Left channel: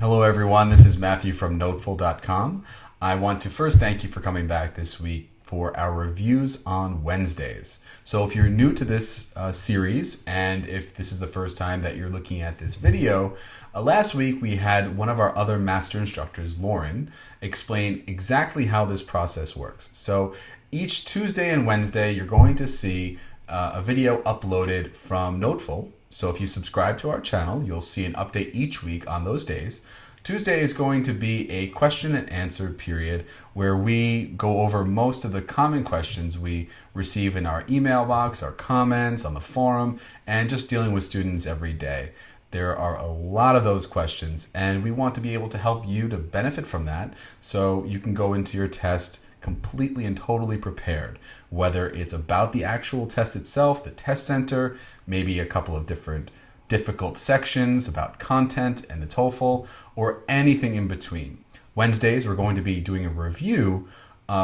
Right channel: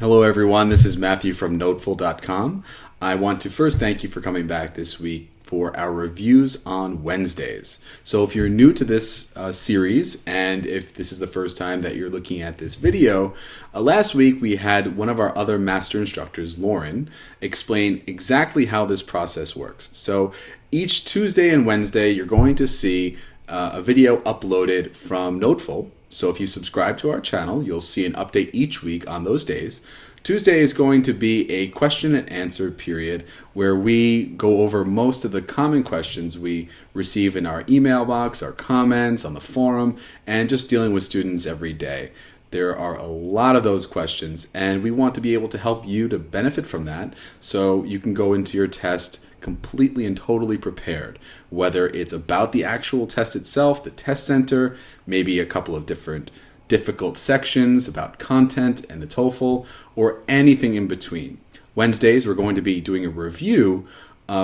Hello everyone, this is Mathew from NoteFull.com. I want to first thank you for coming back this week for our reviews on Wednesdays. So if you're new to this series, and if this is the first time that you're looking at this video, last week we had one of our other master instructors, Lauren, explain exactly how this process works. So each Tuesday and Wednesday, you're going to see a video uploaded from NoteFull. So if you subscribe to our channel, you'll see an update each week on those days. Tuesday is going to be a question and answer period where we go over most of the common questions we receive in our email box, our comments on the forum, and just dealing with students every day. There are a lot of those questions, and we want to be able to help you to benefit from that so you can go into your test completely and totally prepared, whether it's about the actual test itself, the test center, maybe a couple of different difficult sections about content and the TOEFL, or anything in between. Wednesdays, we're going to be doing a review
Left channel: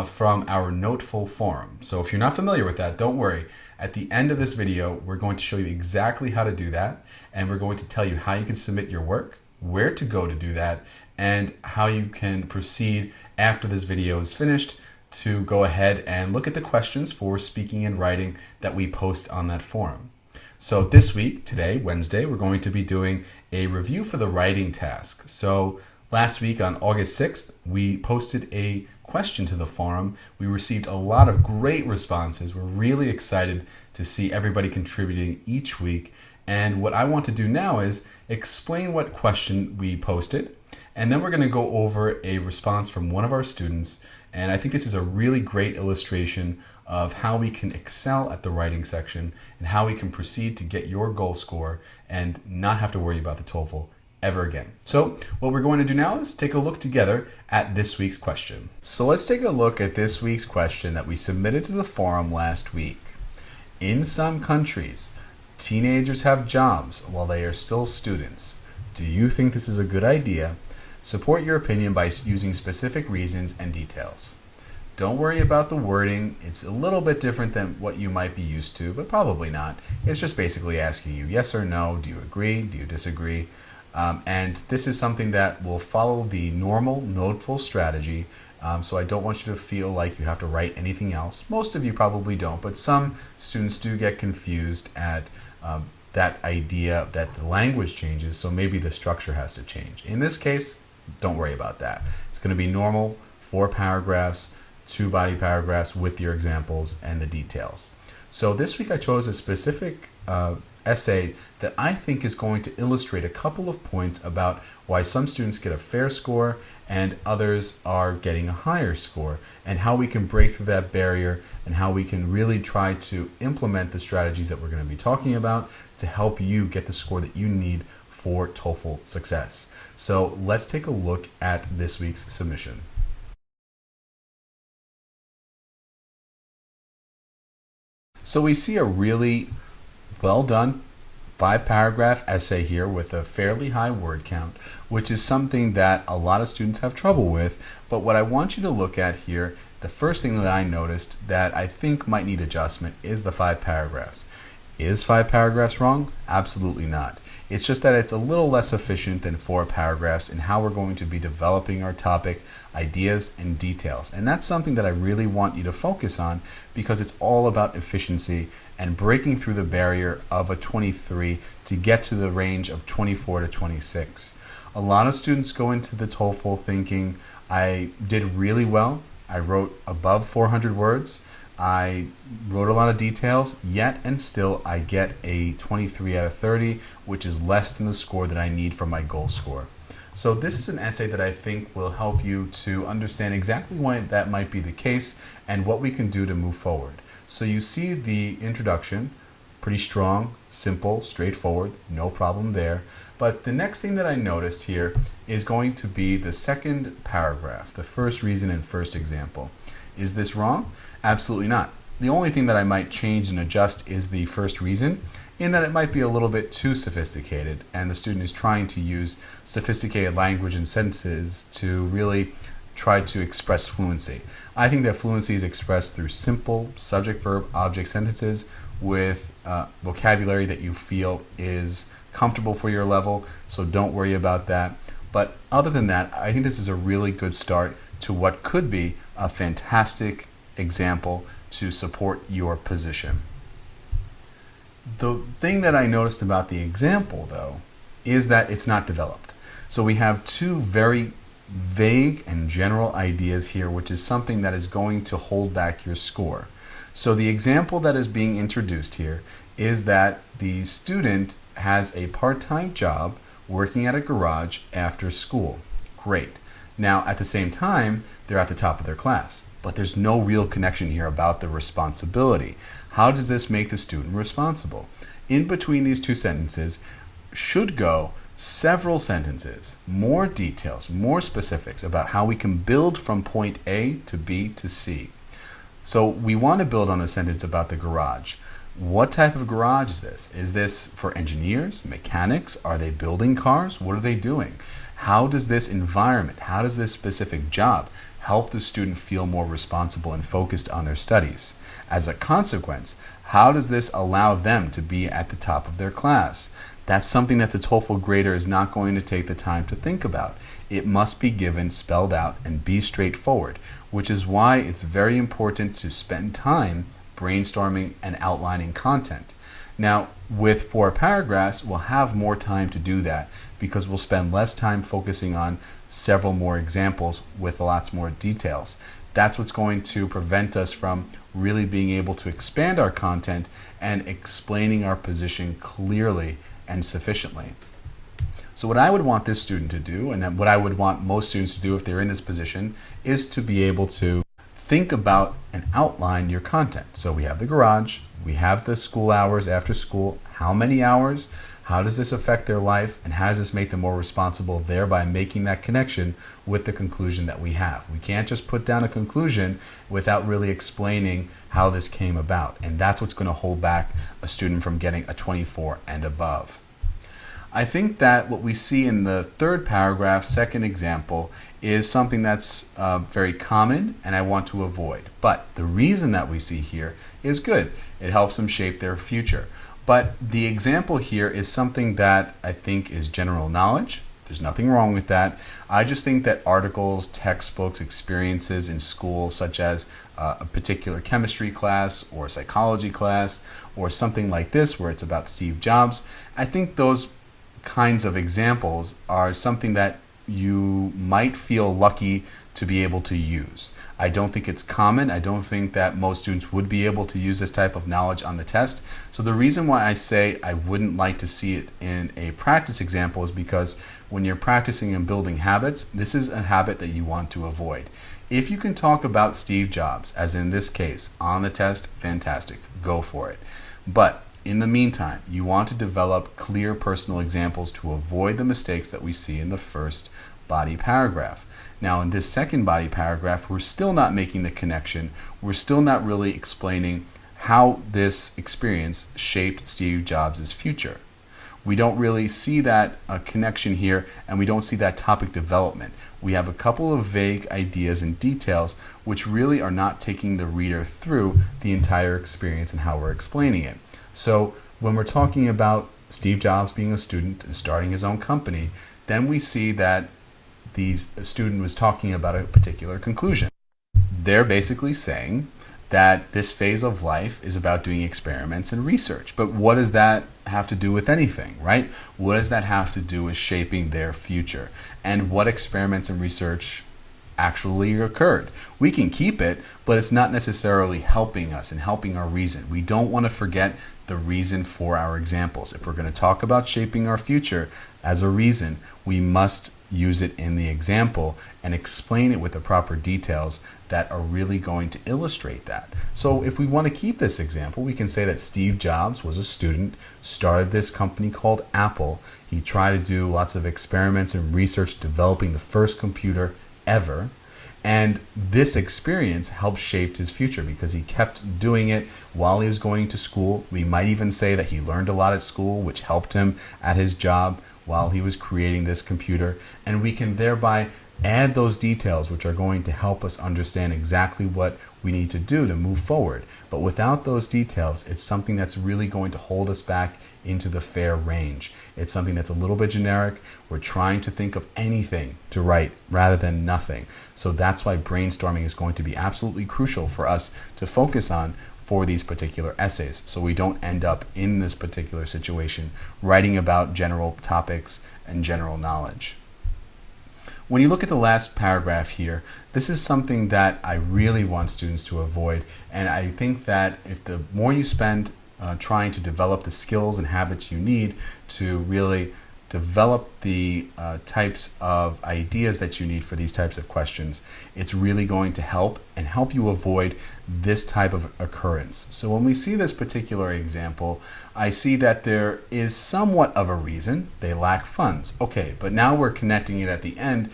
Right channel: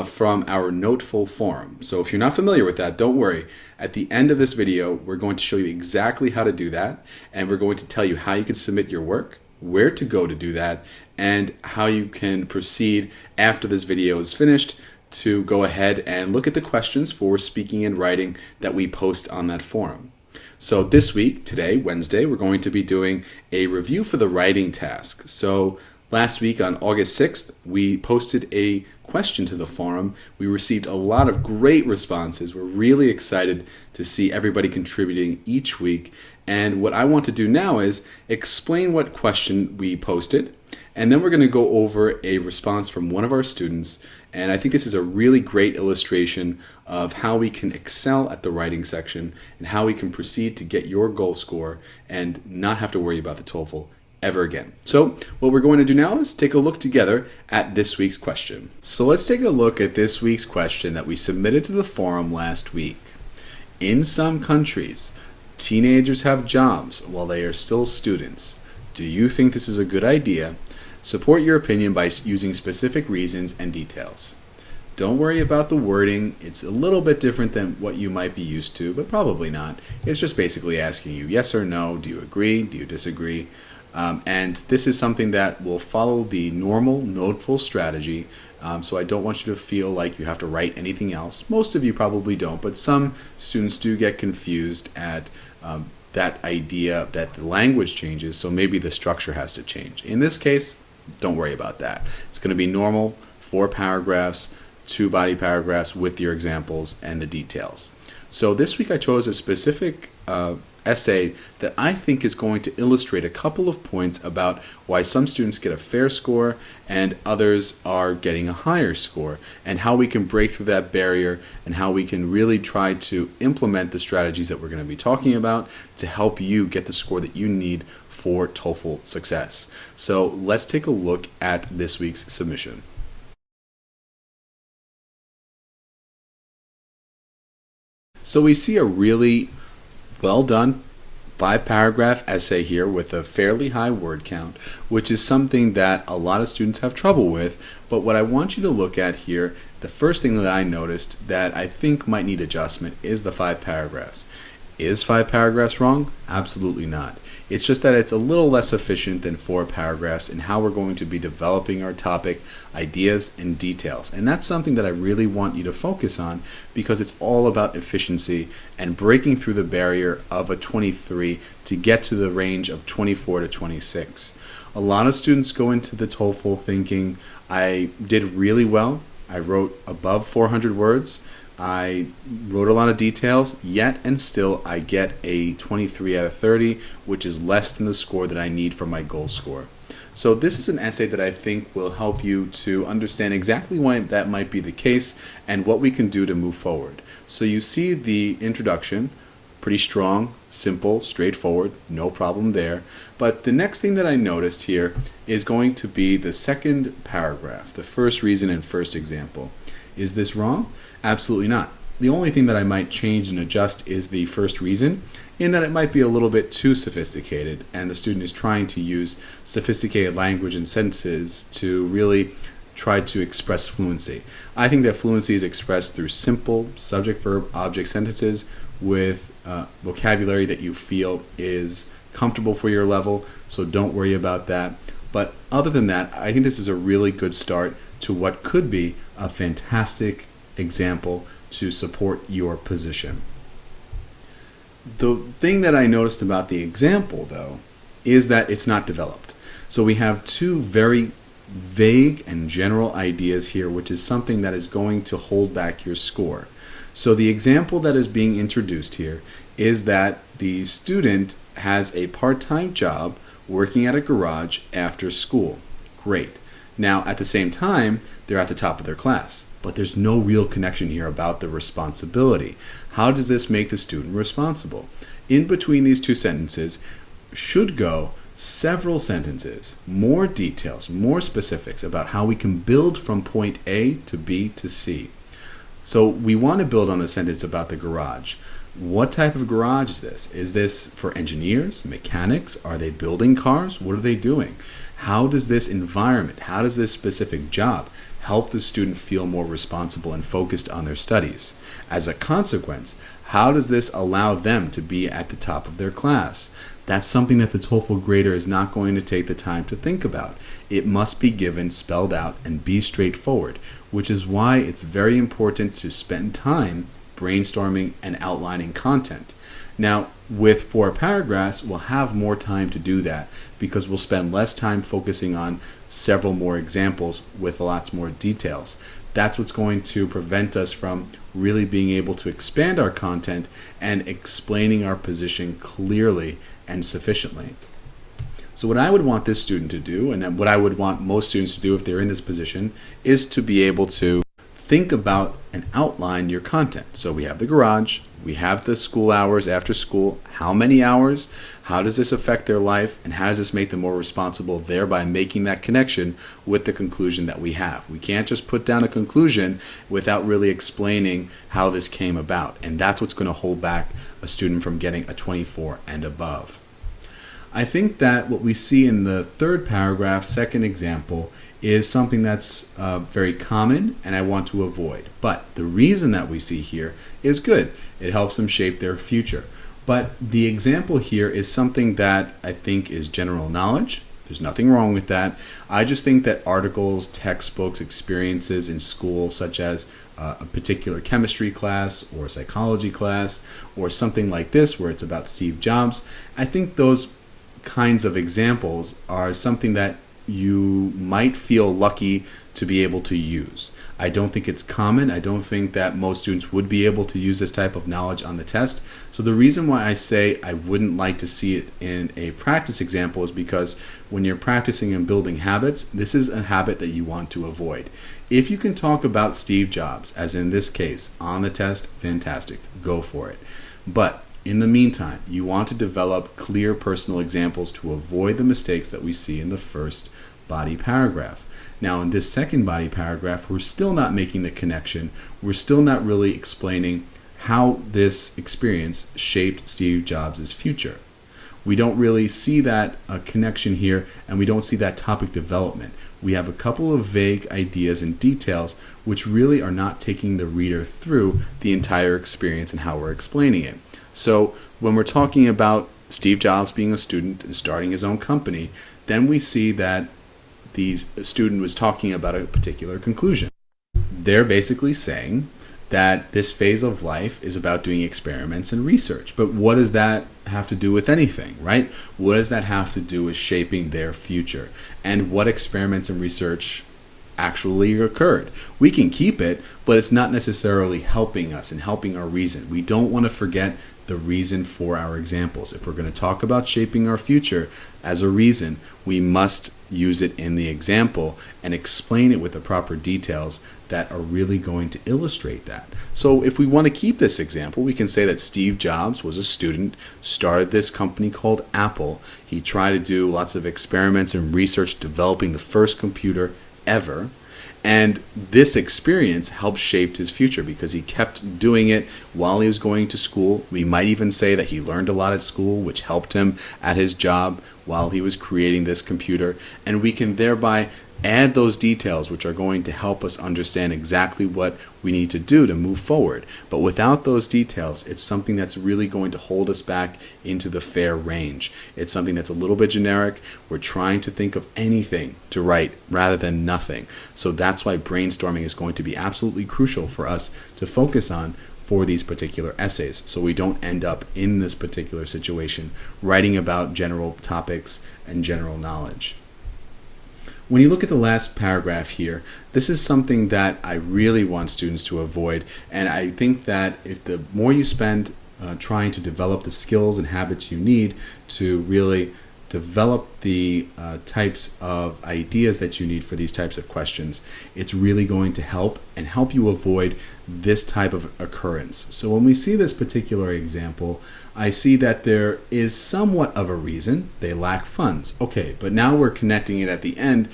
from our NoteFull forum. So if you're not familiar with that, don't worry. At the end of this video, we're going to show you exactly how to do that, and we're going to tell you how you can submit your work, where to go to do that, and how you can proceed after this video is finished to go ahead and look at the questions for speaking and writing that we post on that forum. So this week, today, Wednesday, we're going to be doing a review for the writing task. So last week on August 6th, we posted a question to the forum. We received a lot of great responses. We're really excited to see everybody contributing each week. And what I want to do now is explain what question we posted, and then we're going to go over a response from one of our students. And I think this is a really great illustration of how we can excel at the writing section and how we can proceed to get your goal score and not have to worry about the TOEFL ever again. So what we're going to do now is take a look together at this week's question. So let's take a look at this week's question that we submitted to the forum last week. In some countries, teenagers have jobs while they are still students. Do you think this is a good idea? Support your opinion by using specific reasons and details. Don't worry about the wording. It's a little bit different than what you might be used to, but probably not. It's just basically asking you yes or no. Do you agree? Do you disagree? And this is something that will follow the normal NoteFull strategy. So I don't want you to feel like you have to write anything else. Most of you probably don't, but some students do get confused at that idea that the language changes, so maybe the structure has to change. In this case, don't worry about that. It's going to be normal, 4 paragraphs, 2 body paragraphs with your examples and the details. So this week I chose a specific essay that I think is going to illustrate a couple of points about why some students get a fair score and others are getting a higher score, and how we can break through that barrier and how we can really try to implement the strategies that we're going to be talking about to help you get the score that you need for TOEFL success. So let's take a look at this week's submission. So we see a really well done 5-paragraph essay here with a fairly high word count, which is something that a lot of students have trouble with. But what I want you to look at here, the first thing that I noticed that I think might need adjustment is the 5 paragraphs. Is 5 paragraphs wrong? Absolutely not. It's just that it's a little less efficient than 4 paragraphs in how we're going to be developing our topic, ideas, and details. And that's something that I really want you to focus on, because it's all about efficiency and breaking through the barrier of a 23 to get to the range of 24 to 26. A lot of students go into the TOEFL thinking, I did really well. I wrote above 400 words. I wrote a lot of details, yet and still I get a 23 out of 30, which is less than the score that I need for my goal score. So this is an essay that I think will help you to understand exactly why that might be the case and what we can do to move forward. So you see the introduction, pretty strong, simple, straightforward, no problem there. But the next thing that I noticed here is going to be the second paragraph, the first reason and first example. Is this wrong? Absolutely not. The only thing that I might change and adjust is the first reason, in that it might be a little bit too sophisticated, and the student is trying to use sophisticated language and sentences to really try to express fluency. I think that fluency is expressed through simple subject, verb, object sentences with vocabulary that you feel is comfortable for your level, so don't worry about that. But other than that, I think this is a really good start to what could be a fantastic example to support your position. The thing that I noticed about the example, though, is that it's not developed. So we have two very vague and general ideas here, which is something that is going to hold back your score. So the example that is being introduced here is that the student has a part-time job working at a garage after school. Great. Now, at the same time, they're at the top of their class, but there's no real connection here about the responsibility. How does this make the student responsible? In between these two sentences should go several sentences, more details, more specifics about how we can build from point A to B to C. So we want to build on the sentence about the garage. What type of garage is this? Is this for engineers, mechanics? Are they building cars? What are they doing? How does this environment, how does this specific job help the student feel more responsible and focused on their studies? As a consequence, how does this allow them to be at the top of their class? That's something that the TOEFL grader is not going to take the time to think about. It must be given, spelled out, and be straightforward, which is why it's very important to spend time brainstorming and outlining content. Now, with 4 paragraphs, we'll have more time to do that because we'll spend less time focusing on several more examples with lots more details. That's what's going to prevent us from really being able to expand our content and explaining our position clearly and sufficiently. So what I would want this student to do, and what I would want most students to do if they're in this position, is to be able to think about and outline your content. So we have the garage, we have the school hours after school, how many hours, how does this affect their life, and how does this make them more responsible, thereby making that connection with the conclusion that we have. We can't just put down a conclusion without really explaining how this came about, and that's what's going to hold back a student from getting a 24 and above. I think that what we see in the 3rd paragraph, second example, is something that's very common and I want to avoid. But the reason that we see here is good. It helps them shape their future. But the example here is something that I think is general knowledge. There's nothing wrong with that. I just think that articles, textbooks, experiences in school, such as a particular chemistry class or psychology class or something like this where it's about Steve Jobs, I think those kinds of examples are something that you might feel lucky to be able to use. I don't think it's common. I don't think that most students would be able to use this type of knowledge on the test. So the reason why I say I wouldn't like to see it in a practice example is because when you're practicing and building habits, this is a habit that you want to avoid. If you can talk about Steve Jobs, as in this case, on the test, fantastic. Go for it. But in the meantime, you want to develop clear personal examples to avoid the mistakes that we see in the first body paragraph. Now, in this second body paragraph, we're still not making the connection. We're still not really explaining how this experience shaped Steve Jobs' future. We don't really see that connection here, and we don't see that topic development. We have a couple of vague ideas and details which really are not taking the reader through the entire experience and how we're explaining it. So when we're talking about Steve Jobs being a student and starting his own company, then we see that the student was talking about a particular conclusion. They're basically saying that this phase of life is about doing experiments and research. But what does that have to do with anything, right? What does that have to do with shaping their future? And what experiments and research actually occurred? We can keep it, but it's not necessarily helping us and helping our reason. We don't want to forget the reason for our examples. If we're going to talk about shaping our future as a reason, we must use it in the example and explain it with the proper details that are really going to illustrate that. So if we want to keep this example, we can say that Steve Jobs was a student, started this company called Apple. He tried to do lots of experiments and research developing the first computer ever. And this experience helped shape his future because he kept doing it while he was going to school. We might even say that he learned a lot at school, which helped him at his job while he was creating this computer. And we can thereby add those details which are going to help us understand exactly what we need to do to move forward. But without those details, it's something that's really going to hold us back into the fair range. It's something that's a little bit generic. We're trying to think of anything to write rather than nothing. So that's why brainstorming is going to be absolutely crucial for us to focus on for these particular essays, so we don't end up in this particular situation writing about general topics and general knowledge. When you look at the last paragraph here, this is something that I really want students to avoid, and I think that if the more you spend trying to develop the skills and habits you need to really develop the types of ideas that you need for these types of questions, it's really going to help you avoid this type of occurrence. So when we see this particular example, I see that there is somewhat of a reason. They lack funds. Okay, but now we're connecting it at the end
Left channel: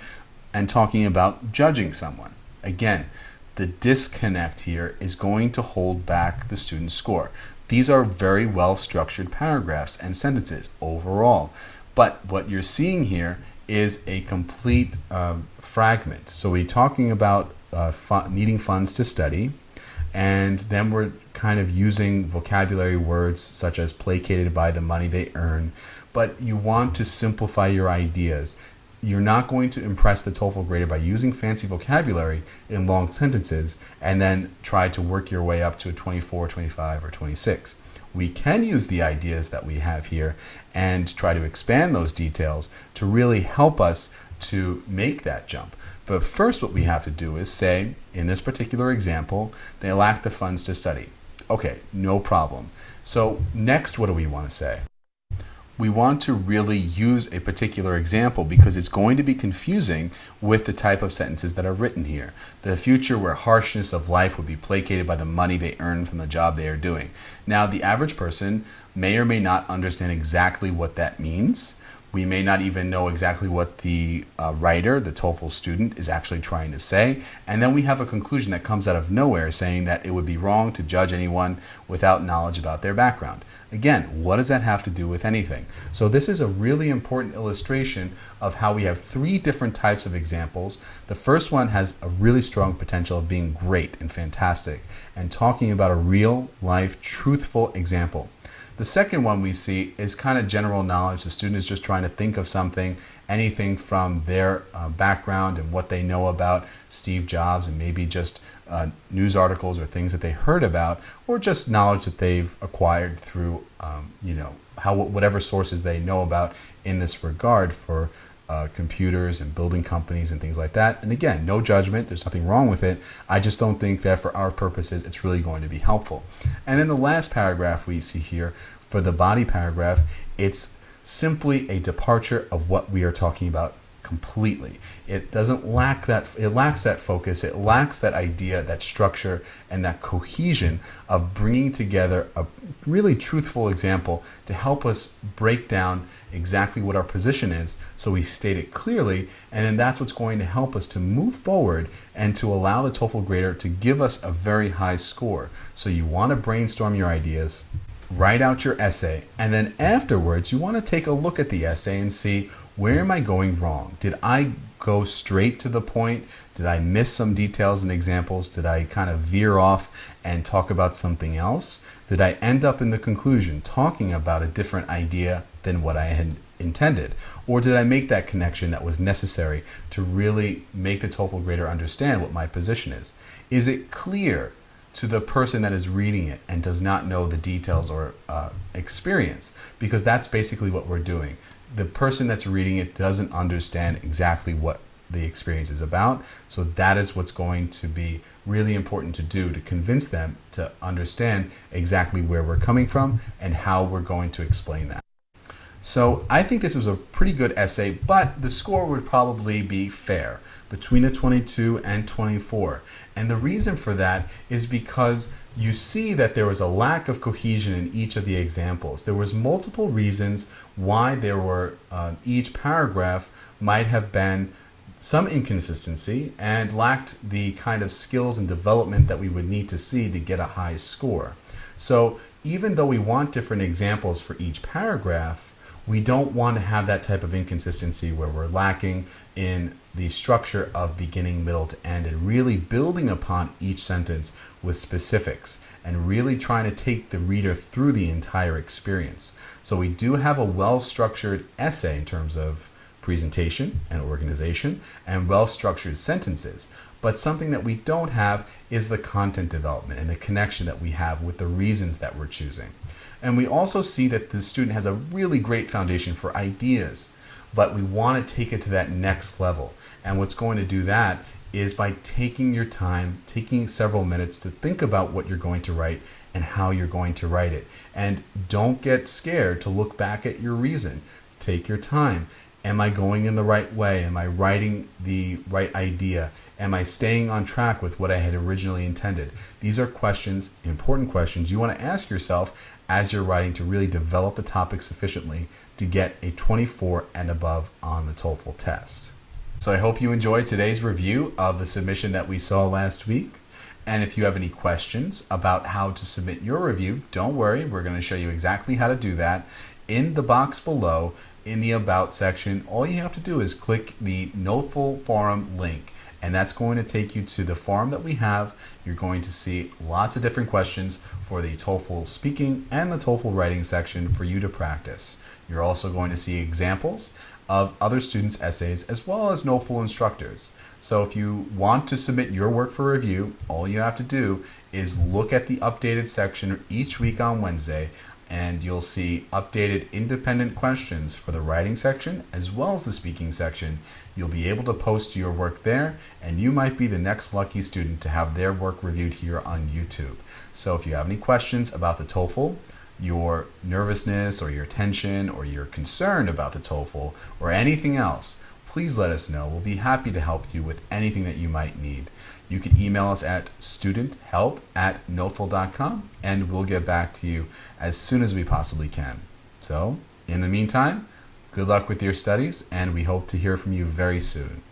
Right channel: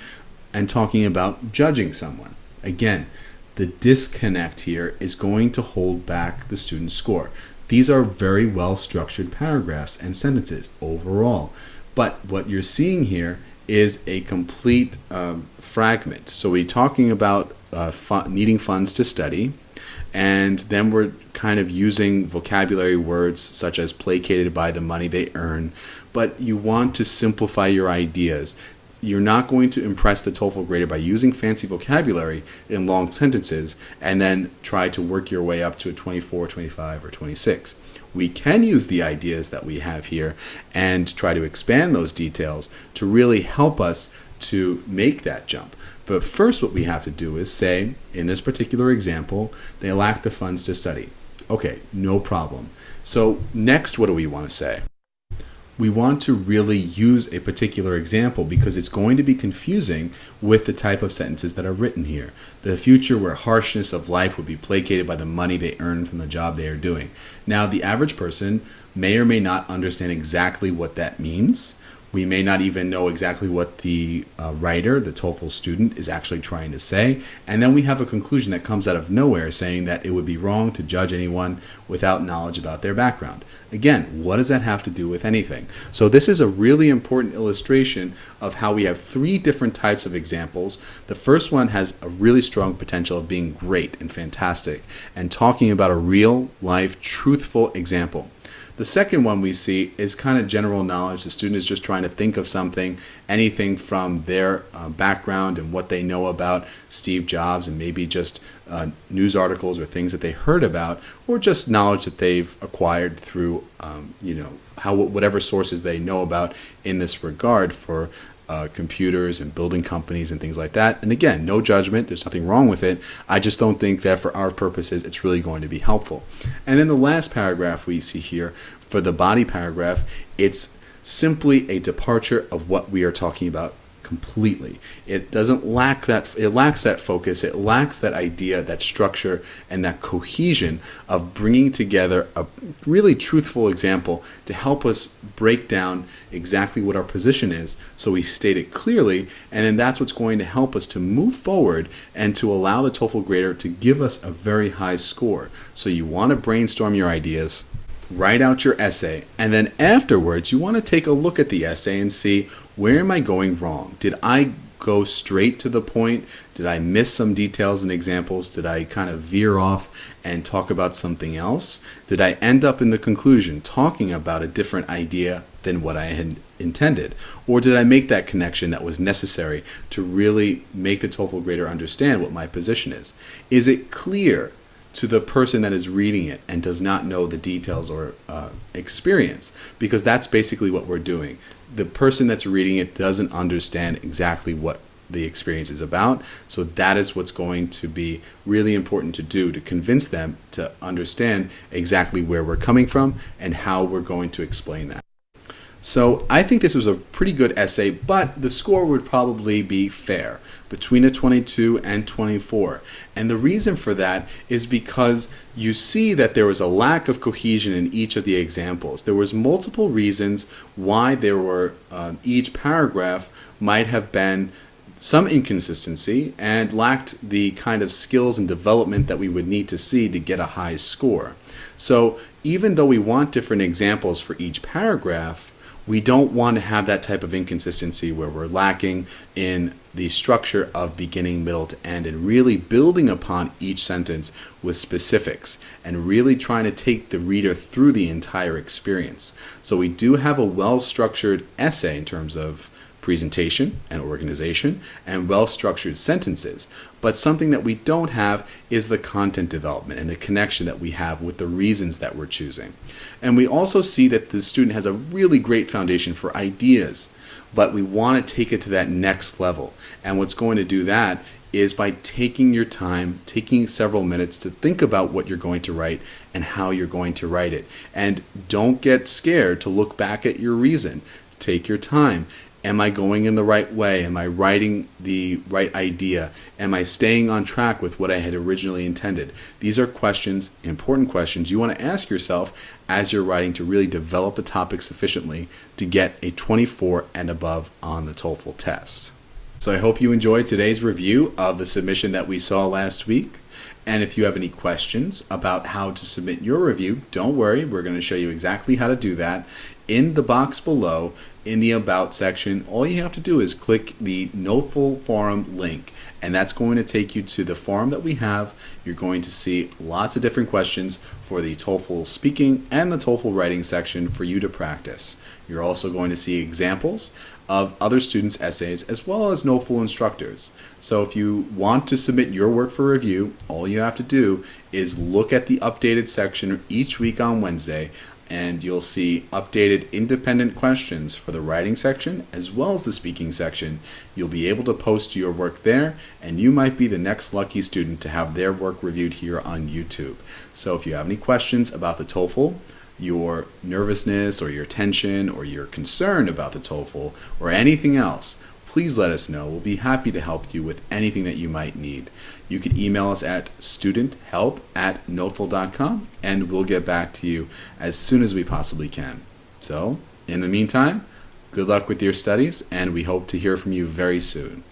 and talking about judging someone. Again, the disconnect here is going to hold back the student's score. These are very well structured paragraphs and sentences overall. But what you're seeing here is a complete fragment. So we're talking about needing funds to study, and then we're kind of using vocabulary words such as placated by the money they earn. But you want to simplify your ideas. You're not going to impress the TOEFL grader by using fancy vocabulary in long sentences and then try to work your way up to a 24, 25, or 26. We can use the ideas that we have here and try to expand those details to really help us to make that jump. But first, what we have to do is say, in this particular example, they lack the funds to study. Okay, no problem. So next, what do we want to say? We want to really use a particular example because it's going to be confusing with the type of sentences that are written here. The future where harshness of life would be placated by the money they earn from the job they are doing. Now, the average person may or may not understand exactly what that means. We may not even know exactly what the writer, the TOEFL student, is actually trying to say. And then we have a conclusion that comes out of nowhere saying that it would be wrong to judge anyone without knowledge about their background. Again, what does that have to do with anything? So this is a really important illustration of how we have three different types of examples. The first one has a really strong potential of being great and fantastic and talking about a real life, truthful example. The second one we see is kind of general knowledge. The student is just trying to think of something, anything from their background and what they know about Steve Jobs, and maybe just news articles or things that they heard about, or just knowledge that they've acquired through, whatever sources they know about in this regard for computers and building companies and things like that. And again, no judgment. There's nothing wrong with it. I just don't think that for our purposes, it's really going to be helpful. And then the last paragraph we see here, for the body paragraph, it's simply a departure of what we are talking about completely. It lacks that focus. It lacks that idea, that structure, and that cohesion of bringing together a really truthful example to help us break down exactly what our position is, so we state it clearly, and then that's what's going to help us to move forward and to allow the TOEFL grader to give us a very high score. So you want to brainstorm your ideas, write out your essay, and then afterwards you want to take a look at the essay and see, where am I going wrong? Did I go straight to the point? Did I miss some details and examples? Did I kind of veer off and talk about something else? Did I end up in the conclusion talking about a different idea than what I had intended? Or did I make that connection that was necessary to really make the TOEFL grader understand what my position is? Is it clear to the person that is reading it and does not know the details or experience? Because that's basically what we're doing. The person that's reading it doesn't understand exactly what the experience is about. So that is what's going to be really important to do, to convince them to understand exactly where we're coming from and how we're going to explain that. So I think this was a pretty good essay, but the score would probably be fair, between a 22 and 24. And the reason for that is because you see that there was a lack of cohesion in each of the examples. There was multiple reasons why there were each paragraph might have been some inconsistency and lacked the kind of skills and development that we would need to see to get a high score. So even though we want different examples for each paragraph, We don't want to have that type of inconsistency where we're lacking in the structure of beginning, middle to end, and really building upon each sentence with specifics and really trying to take the reader through the entire experience. So we do have a well-structured essay in terms of presentation and organization and well-structured sentences. But something that we don't have is the content development and the connection that we have with the reasons that we're choosing. And we also see that the student has a really great foundation for ideas, but we want to take it to that next level. And what's going to do that is by taking your time, taking several minutes to think about what you're going to write and how you're going to write it. And don't get scared to look back at your reason. Take your time. Am I going in the right way? Am I writing the right idea? Am I staying on track with what I had originally intended? These are questions, important questions you want to ask yourself as you're writing to really develop the topic sufficiently to get a 24 and above on the TOEFL test. So I hope you enjoyed today's review of the submission that we saw last week. And if you have any questions about how to submit your review, don't worry, we're going to show you exactly how to do that. In the box below, in the About section, all you have to do is click the NoteFull forum link, and that's going to take you to the forum that we have. You're going to see lots of different questions for the TOEFL speaking and the TOEFL writing section for you to practice. You're also going to see examples of other students' essays as well as NoteFull instructors. So if you want to submit your work for review, all you have to do is look at the updated section each week on Wednesday, and you'll see updated independent questions for the writing section as well as the speaking section. You'll be able to post your work there, and you might be the next lucky student to have their work reviewed here on YouTube. So if you have any questions about the TOEFL, your nervousness or your tension or your concern about the TOEFL or anything else, please let us know. We'll be happy to help you with anything that you might need. You can email us at studenthelp@notefull.com, and we'll get back to you as soon as we possibly can. So, in the meantime, good luck with your studies, and we hope to hear from you very soon.